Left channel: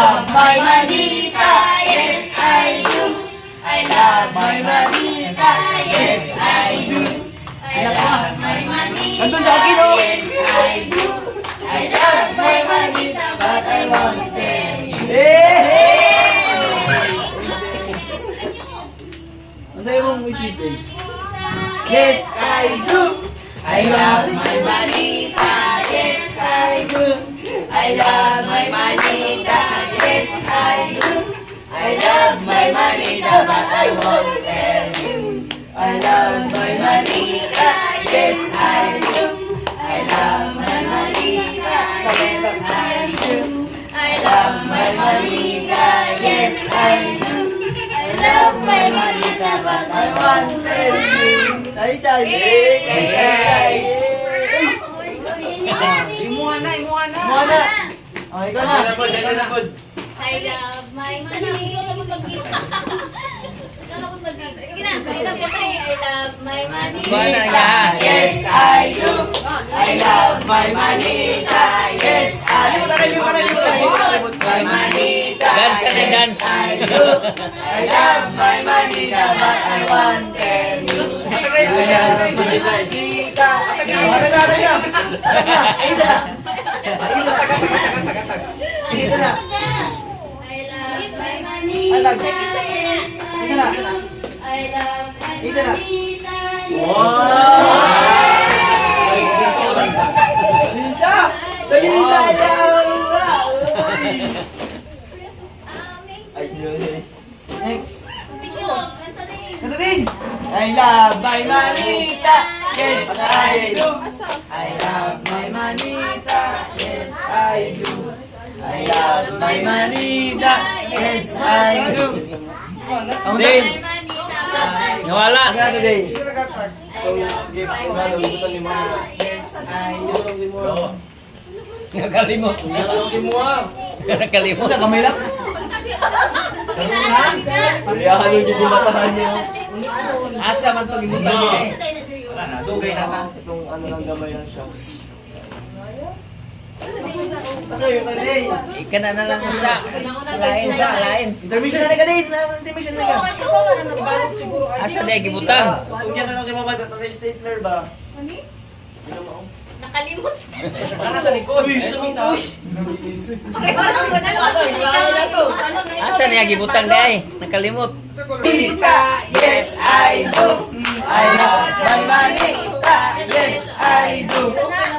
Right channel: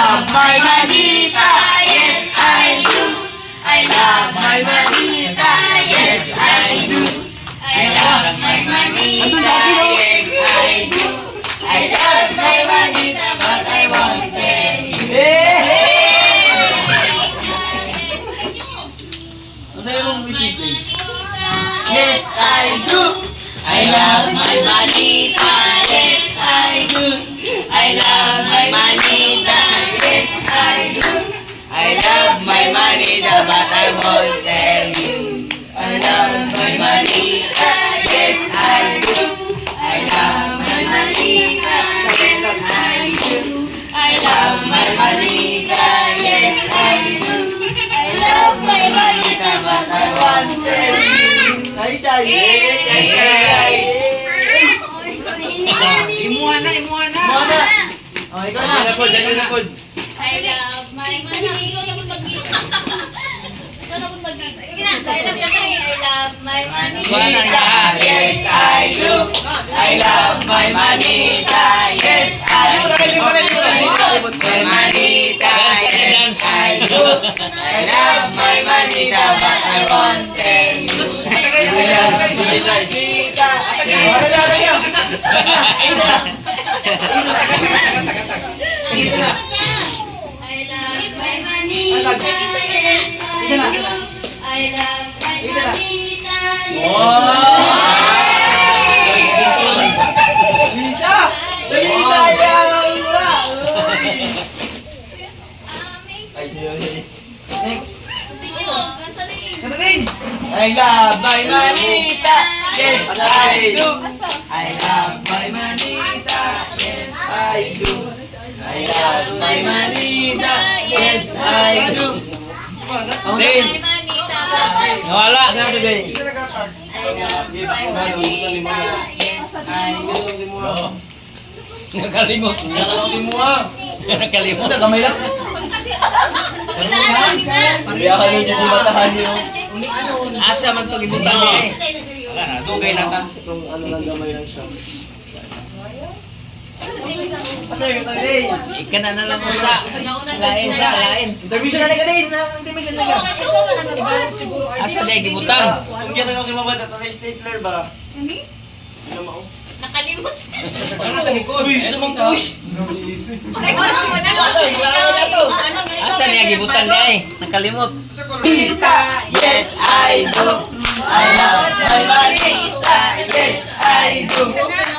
love my manita, yes I do. I love my manita, yes I do. I love my manita, yes I do. I love my manita, but I won't tell you. Yes I do. I love my manita, yes I do. I love my manita, yes I do. I love my manita, but I won't tell you. I love my manita, yes I do. I love my manita, yes I do. I love my manita, yes I do. I love my manita, but I won't tell you. Say. Imuha na. Oh, ikaw na. Dali na po. I love my manita. I love my manita. Yes, I do. I love my manita. Yes, I do. My manita. Yes, I do. I love my manita, but I won't tell you. I love my manita. I love my manita. I love my manita. Lisa, next. Kanta din. I love my manita. Yes, I do. I love my manita. Yes, I do. I love my manita. Yes, I do. Din. Nawala. I Nakalimot. Nakalimot. Sa kamay lang. Pariyahan nyo dyan yung matahan nyo. Asa man to gibutan niya eh. Wala na, dugay na ta. Itong ano ng gamay lang siya. Pasay, yung tagay. Ika na lang sa. Lain. Intermission na ka din. Intermission na ka. Asa day gibutan. Kung yan na si mama, tatay stapler ba? Nakalimot. Uy, sumang to. Asa niya gibutan day. Nakalimot. Manita, yes I do. I love my manita, yes I do.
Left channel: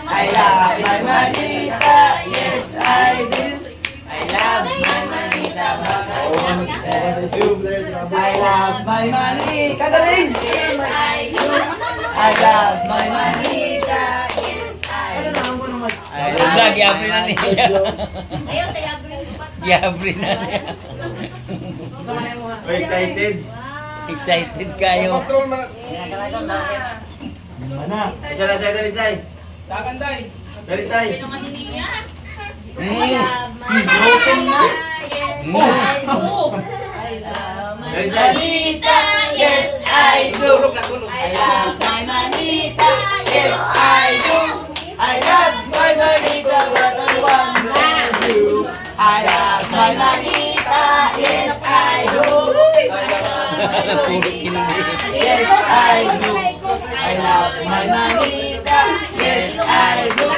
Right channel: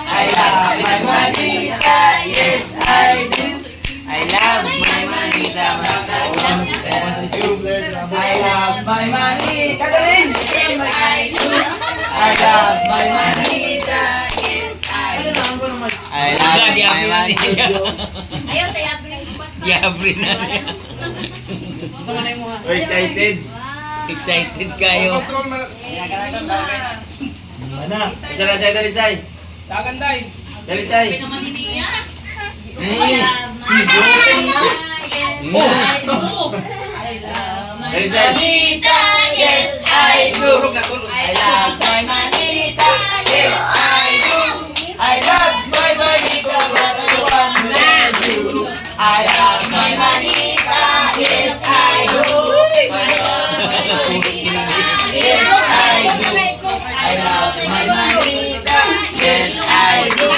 I love my manita, yes I do. I love my manita, but I won't tell you. I love my manita, din. Yes, I do. I love my manita. I love Giabri na niya. Ayaw, sayab na yung Giabri na niya. Excited. Excited kayo. Mana? Dalisay. Dalisay. Manita, yes I do. I love my manita, yes I do. I love my manita, what I want to do. I love my manita, yes I do. Yes I do. I love my manita, yes I do.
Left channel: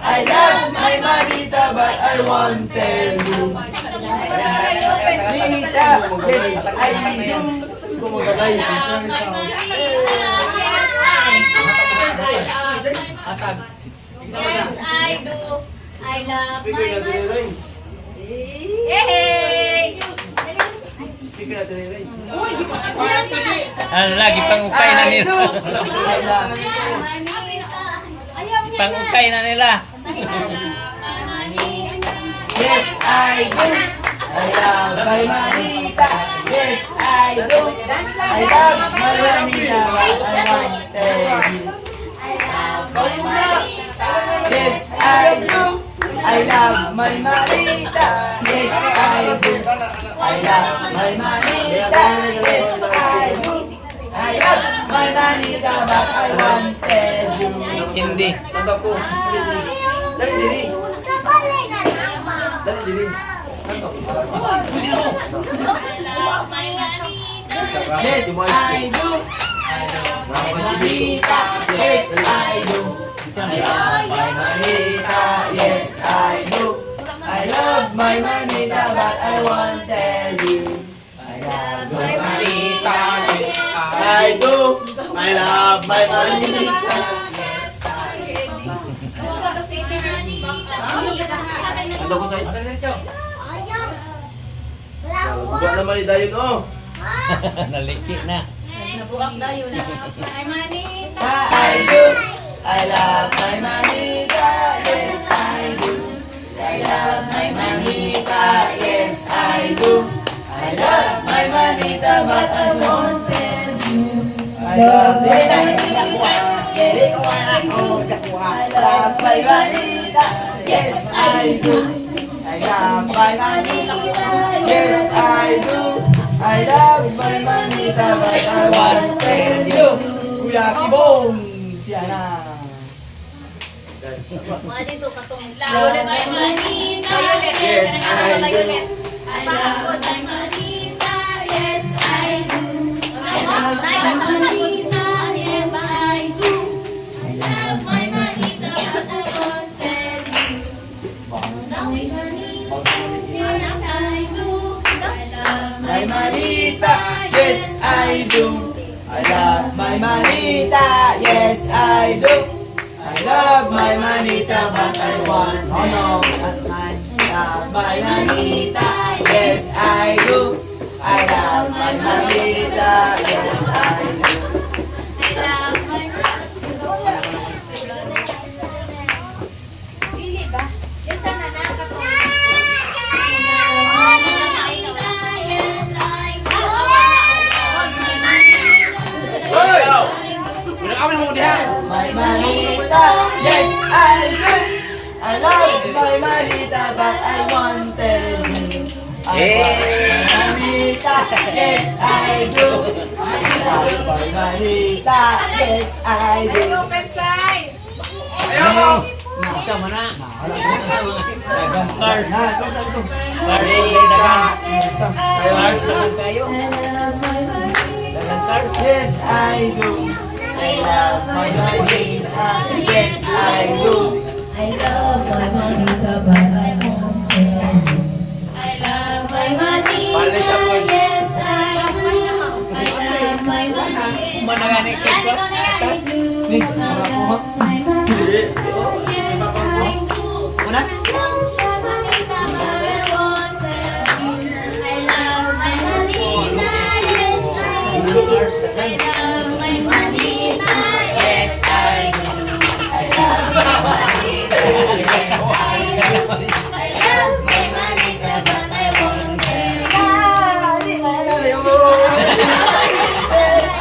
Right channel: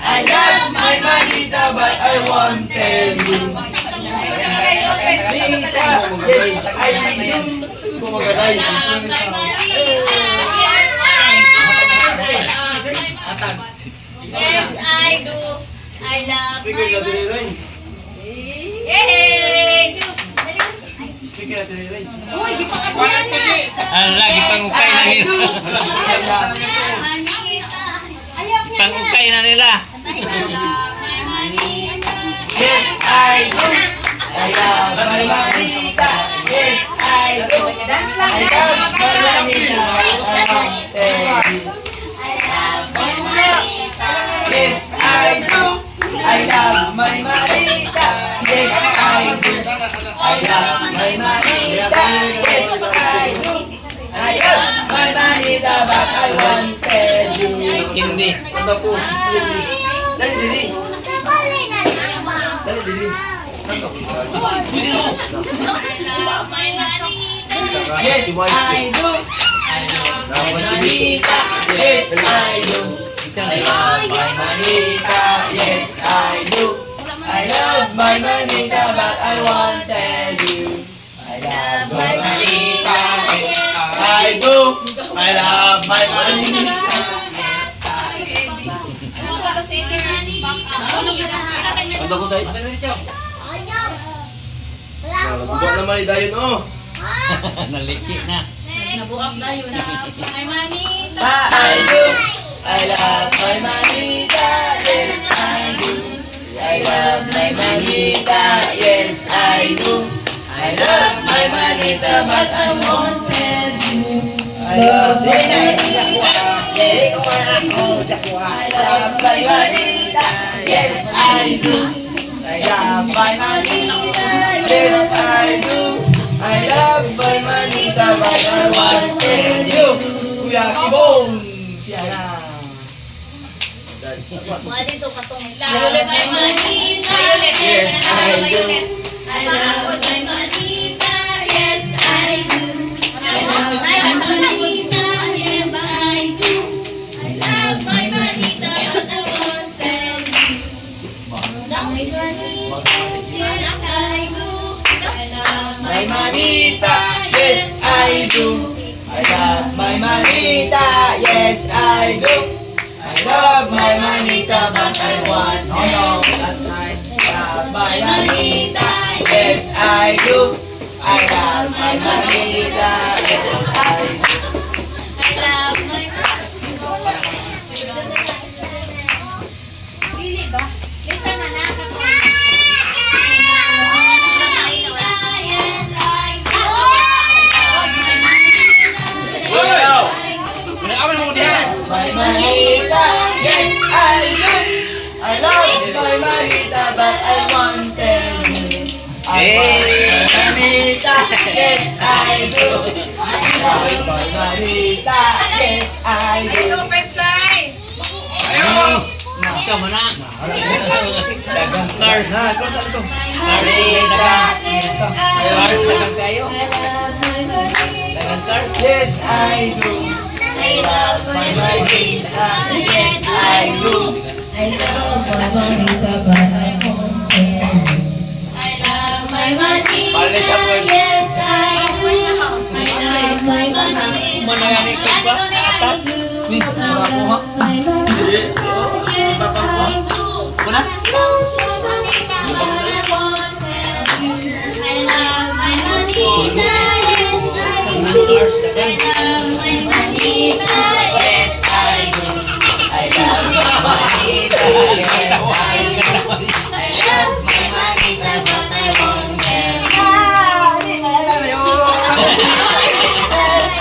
I love my manita, but I won't tell you. Manita, yes I do. Yes, I do. I love my manita. Yay! Ano lagi pangukay na nila. Pangukay na nila. Yes, I do. I love my manita. Yes, I do. I love my manita, but I won't tell you. Yes, I do. I love my manita. Yes, I do. I love my manita. Yes, I do. I love my manita, but I won't tell you. Hindi. Dali, dali. Dali, dali. Yes, I do. I love my manita. Yes, I do. I love my manita. Yes, I do. I love my manita, but I won't tell you. I love my manita. Yes, I do. I love my manita. Ando ko sa'yo. Bukak naman ni Dayon, oh. Naliki na. Nabukak na yun. Ay, manita. I do. I love my manita. Yes, I do. I love my manita. Yes, I do. I love my manita, but I won't tell you. I love my manita. Yes, I do. I love my manita. Yes, I do. I love my manita. Yes, I do. I love my manita, but I won't tell you. Kuya Kibong, siya na. Mga dito katong violet ay manita. Yes, I do. I love my manita. Yes, I do. I love my manita. Yes, I do. I love my manita, but I won't tell you. Yes, I do. I love My manita, yes, I do. I love my manita, yes, I do. I love my manita, but I want to know. That's nice. Love my manita, yes, I do. I love my manita, yes, I do. I love my Pili ba? Ito na na. Yes, I do. My manita, yes, I do. I love my manita, but I want to tell you. I want my manita, yes, I do. I love my manita, yes, I do. Siya mo na. Dagang card. Na, kung saan ito? Cars, dagang kayo. Dagang cars. Yes, I do. I love my manita, yes, I do. I love my manita, but I won't tell you. I love my manita, yes, I do. I love my manita. Manayani ka ba? Apat? Ni, mga po ha? Hindi. Yes, I do. Una? I love my manita, but I won't tell you. I love my manita, yes, I do. Cars, I dagang. love my manita, yes, I do. I love my manita, yes, I do. I love my manita, but I won't tell you. Yes,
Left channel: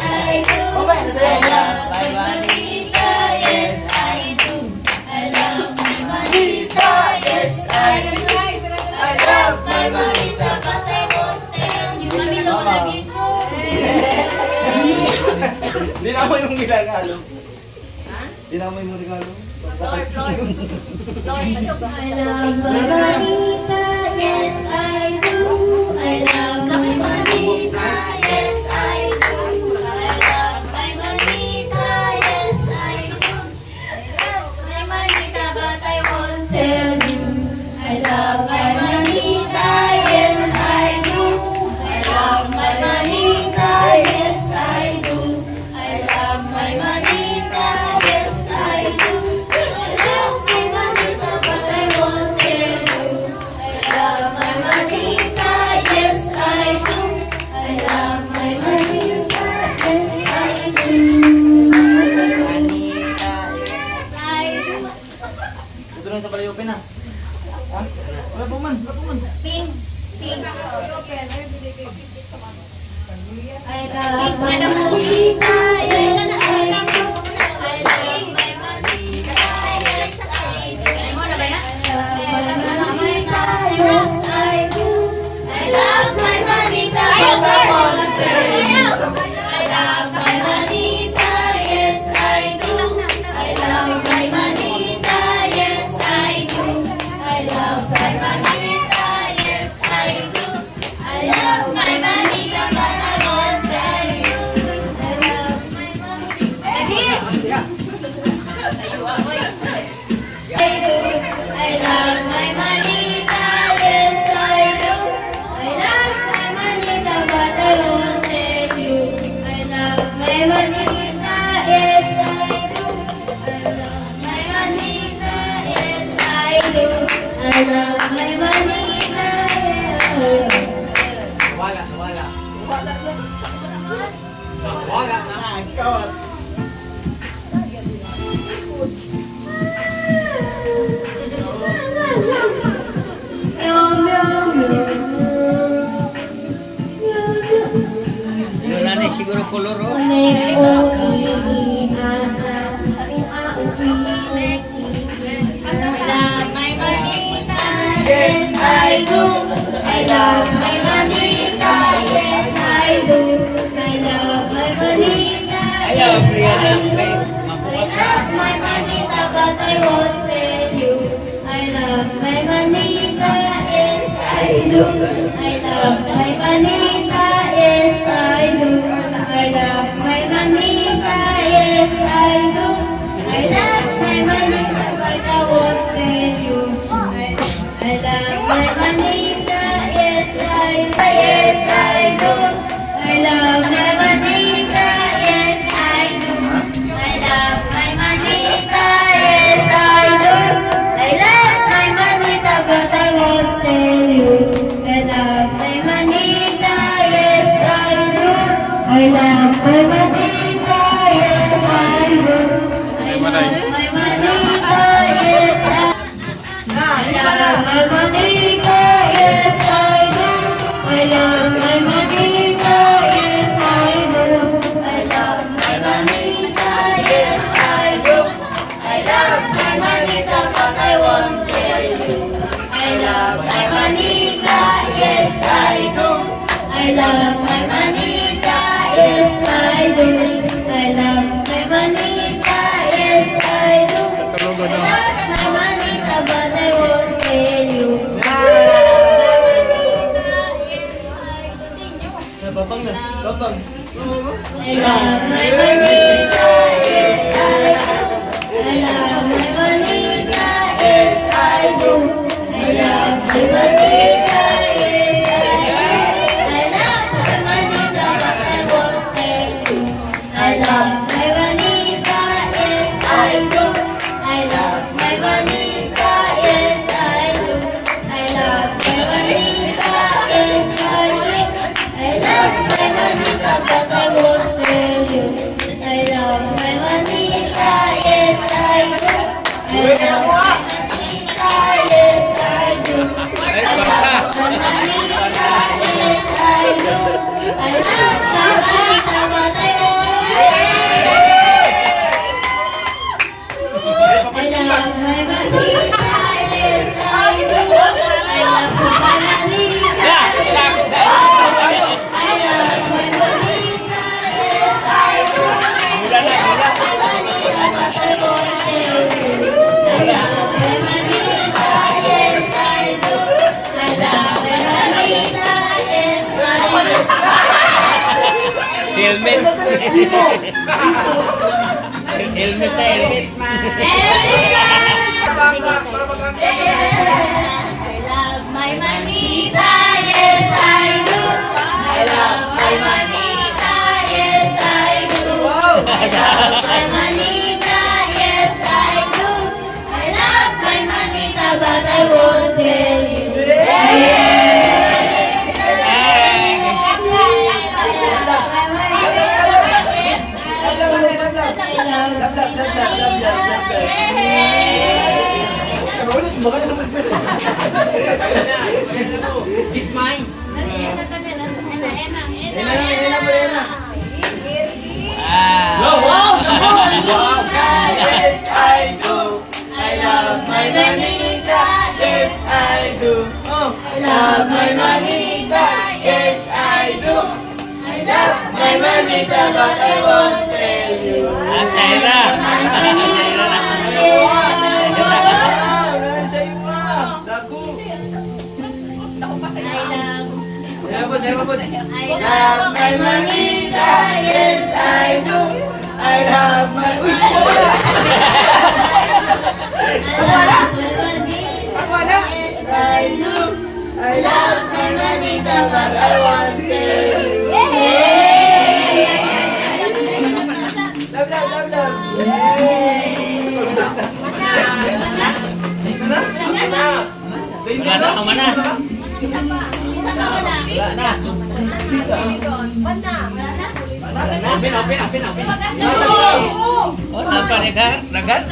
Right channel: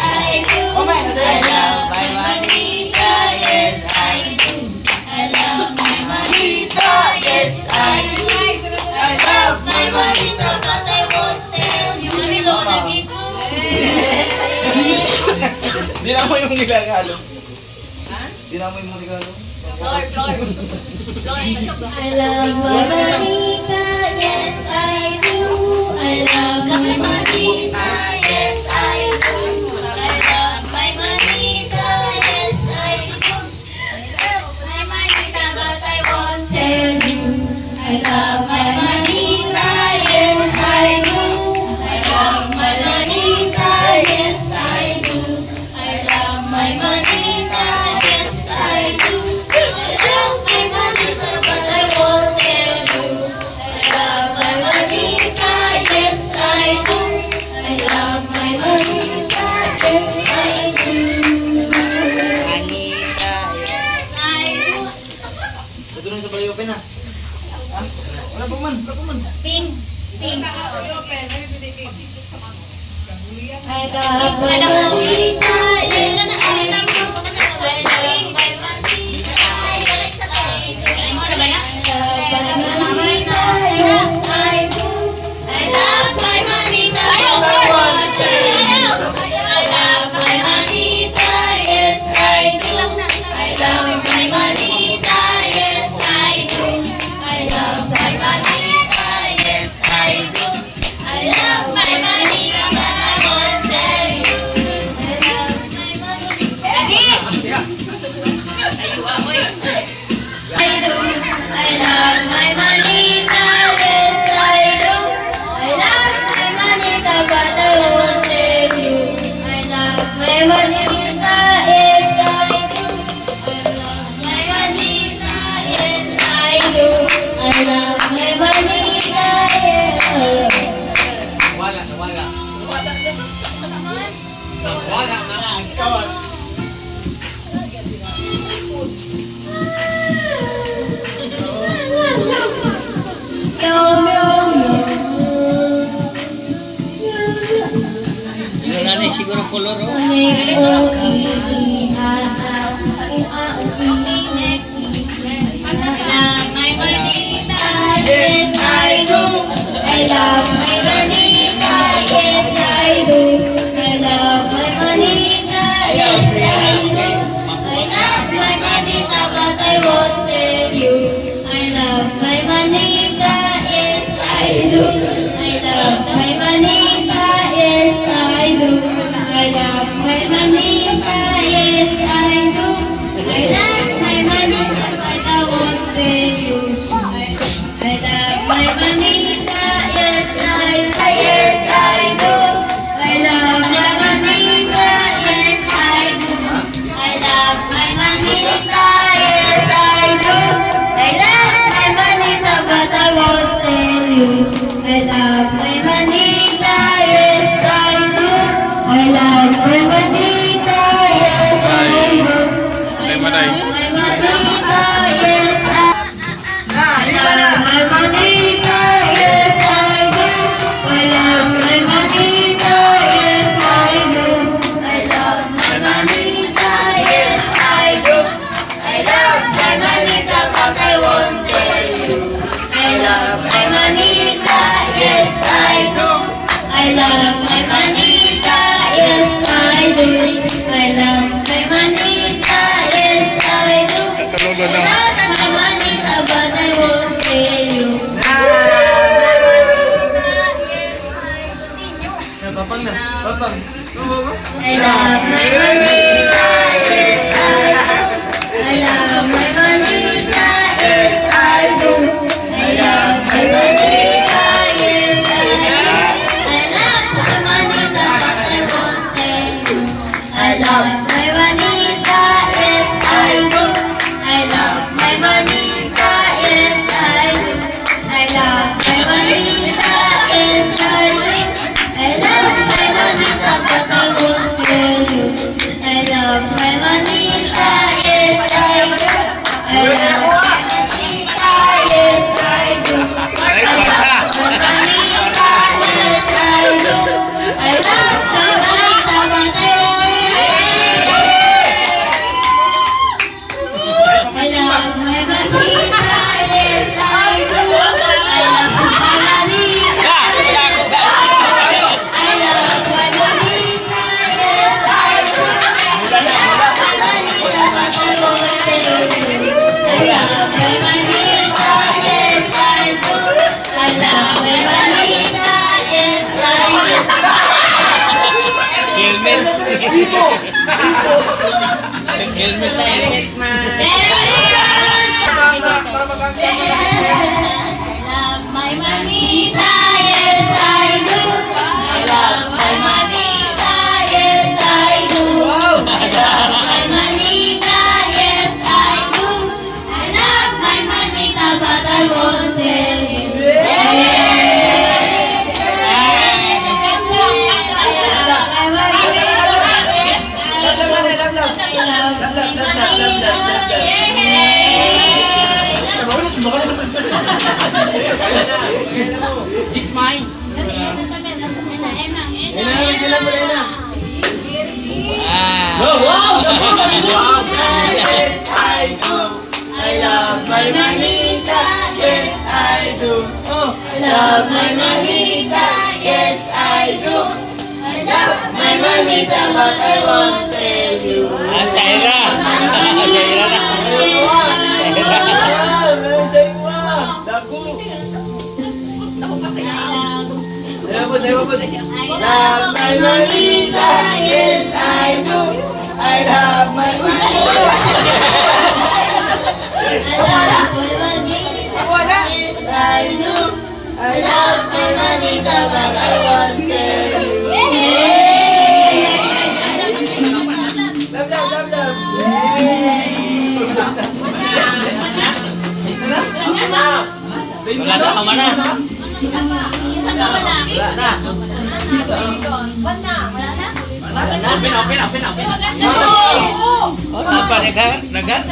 I do. I love my manita, yes, I do. I love my manita, yes, I do. I love my manita, but I won't tell you. Mamilo na dito. Di na mo yung nilagalo. Di na mo yung nilagalo. Floor. I love my manita, yes, I do. I love my manita, yes, I do. I love my manita, yes, I do. I love my manita, but I won't tell you. I love my manita, yes, I do. I love my manita, yes, I do. I love my manita, yes, I do. I love my manita, but I won't tell you. I love my manita, yes, I do. I love my manita, yes, I do. Manita, Yes, I do. ito lang sa palayopin ha. Ha? Wala po man. Pink. I love my manita, yes, I do. I love my manita, yes, I do. I love my manita, yes, I do. I love my manita, but I won't tell you. I love my manita, yes, I do. I love my manita, yes, I do. I love my manita, color, oh. Uling o iihahan, next. I love my manita, yes I do. I love my manita, yes I do. I love my manita, yes I do. I love my manita, but I won't tell you. I love my manita, yes I do. I love my manita, yes I do. I love my manita, yes I do. I love my manita, but I won't tell you. I love my manita, yes I do. I love my manita, yes I do. I love my manita, yes I do. I love my manita, but I won't tell you. I love my manita, yes I do. I love my manita, yes I do. I love my manita, yes I do. I love my manita, yes I do. I love my manita, yes I do. I love my manita, yes I do. I love my manita, but I won't tell you. I love my manita, yes I do. I love my manita, yes I do. I love my manita, yes I do. I love my manita, but I won't tell you. Papang na. Papang. I love my manita, yes I do. I love my manita, yes I do. I love my manita, yes I do. I love my manita, but I won't tell you. I love my manita, yes I do. I love my manita, yes I do. I love my manita, yes I do. I love my manita, but I won't tell you. I love my manita, yes I do. I love my manita, yes I do. I love my manita, yes I do. I love my manita, but I won't tell you. I love my manita, yes I do. I love my manita, yes I do. I love my manita, yes I do. I love my manita, but I won't tell you. I love my manita, yes I do. I love my manita, yes I do. Helmet. Helmet na, helmet. I love my manita, yes I do. I love my manita, yes I do. I love my manita, yes I do. I love my manita, but I won't tell you. This mine. Wow! Yes, I do. I love my manita, yes, I do. I love my manita, yes, I do. I love my manita, but I won't tell you. Ah, Shaira. Shaira na. Love my manita, yes I do. I love my manita. I love my manita, yes I do. I love my manita, but I won't tell you. Wala na, tama na. Open, open, open, open. Oh, napa, negar? Nagas?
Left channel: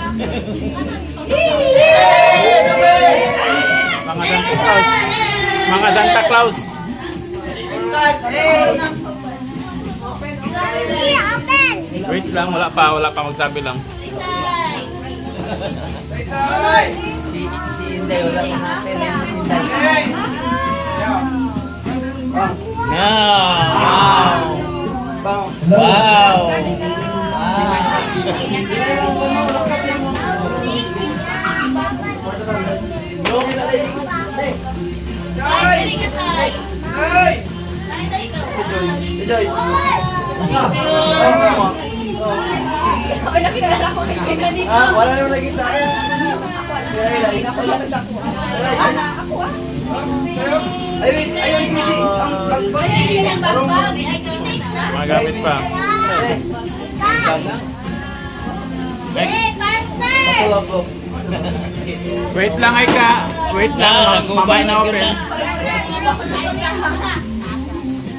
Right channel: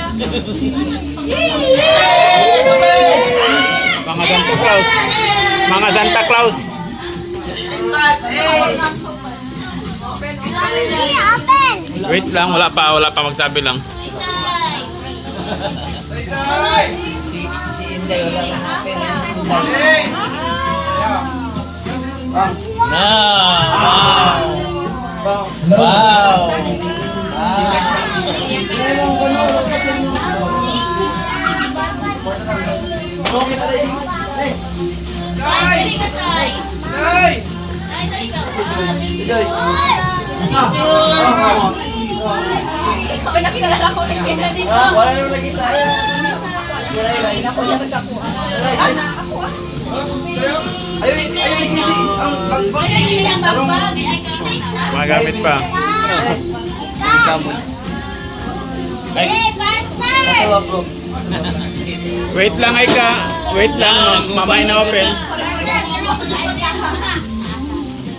Mga Santa Claus. Mga Santa Claus. Wait lang, wala pa magsabi lang. Si Inday, wala na natin. Inday. Wow! Okay, nakilala ko na dito. Wala naman nakita. Ayun kasi Magamit pa. Wait lang, Aika. Wait lang, mamay na open.